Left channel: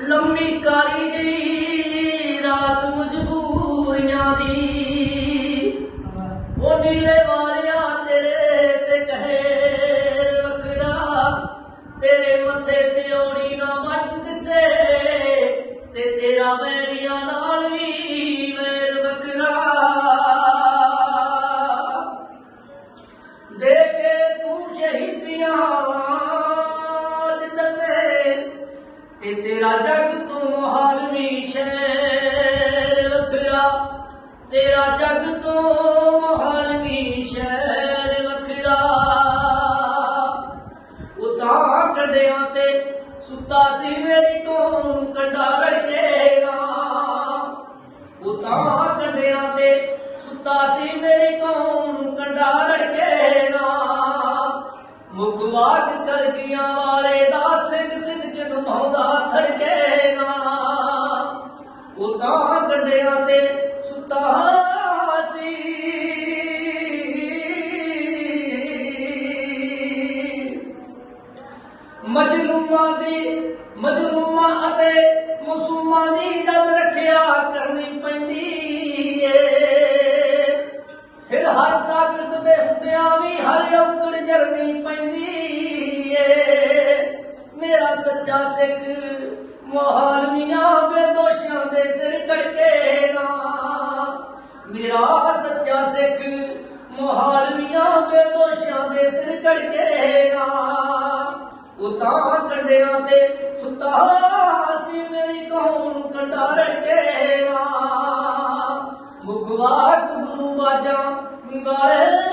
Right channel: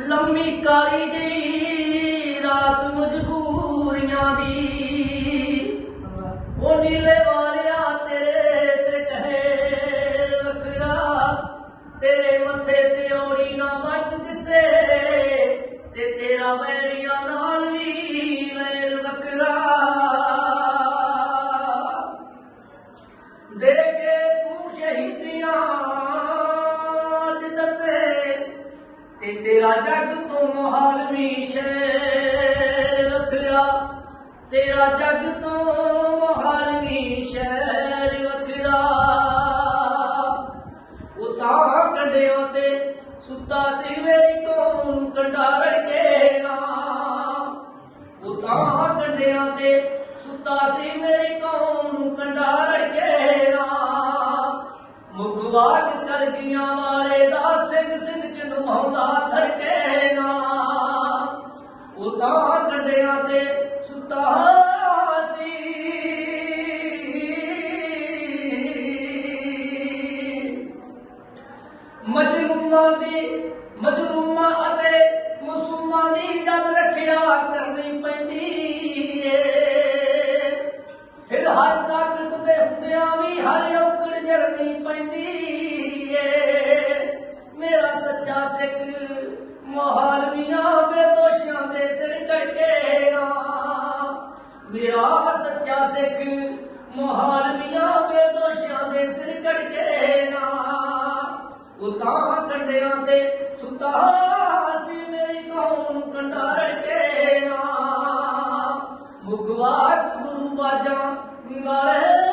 ਲੰਮੀ ਕਾਲੀ ਜਿਹੀ ਰਾਤ ਮਜਬੂਰੀਆਂ ਦੀ। ਉਹ ਨੀਲੇ ਵਾਲਿਆ ਤੇਰੇ ਤੇ ਕਹਿਰ ਵੱਖਰਾ ਤੇਰੇ ਮੱਥੇ ਤੇ ਔਣੀ ਨਾ ਵੱਟ ਦਿੱਤੇ, ਤੇ ਤੇਰਾ ਵੈਰੀਆਂ ਨਾਲ ਤੇ ਤੇਰਾ ਜਗ ਤੋਂ ਮਹਾਨ ਵੀ ਸ਼ਹਿਰ ਵੱਖਰਾ। ਤੇਰਾ ਜਗ ਤੋਂ ਮਹਾਨ ਵੀ ਸ਼ਹਿਰ ਵੱਖਰਾ ਉਤਾਂ ਕੰਡਿਆਂ ਤੇ ਸੁੱਤਾ ਸੀ ਮੇਰੀ ਤੂੰ ਕੰਡਾ ਰੜਕੇ ਨਾ ਉਤਾਂ ਕੰਡਿਆਂ ਤੇ ਸੁੱਤਾ ਸੀ ਮੇਰੀ ਤੋਂ ਕੰਡਾ ਰੜਕੇ ਨਾ ਮੁਖਵਾਕ ਤਲਕੀਆਂ ਵਾਲੇ ਦਾ ਸਿੰਘ ਸਿੱਧ ਨਮਾਉਂਦਾ ਉਤਾਂ ਕੰਡਿਆਂ ਤੇ ਸੁੱਤਾ ਸੀ। ਮਜਲੂਮਾਂ ਦੀ, ਮਜਲੂਮਾਂ ਅਤੇ ਮਸੂਮਾਂ ਦੀ ਜਦ ਰੱਖਿਆ ਕਰਨੀ ਪੈਂਦੀ ਏ। ਫਿਰ ਹਰ ਤਾਕਤ ਦੇ ਹੁੰਦਿਆਂ ਵੀ ਹਰ ਔਕੜ ਜਰਨੀ ਪੈਂਦੀ ਏ। ਮੇਰਾ ਸੱਚਾ ਸਿੱਖ ਮਹਾਲ ਸਿਰ ਕੜਕੇ ਨਾ ਮੇਰਾ ਸੱਚਾ ਸਿੱਖ ਮਹਾਲ ਮੀਨਾ ਬੇਦੋਸ਼ਾਂ ਦੇ ਸਿਰ ਕੜਕੇ ਨਾ ਉਤਾਂ ਕੰਡਿਆਂ ਤੇ ਸੁਤਾ ਸੀ, ਮੇਰੀ ਕੌਮ ਕੰਡਾ ਰੜਕੇ ਨਾ ਮੁਖਵਾਕ ਗੁਰੂ ਬਾਜਾ ਵਾਲੇ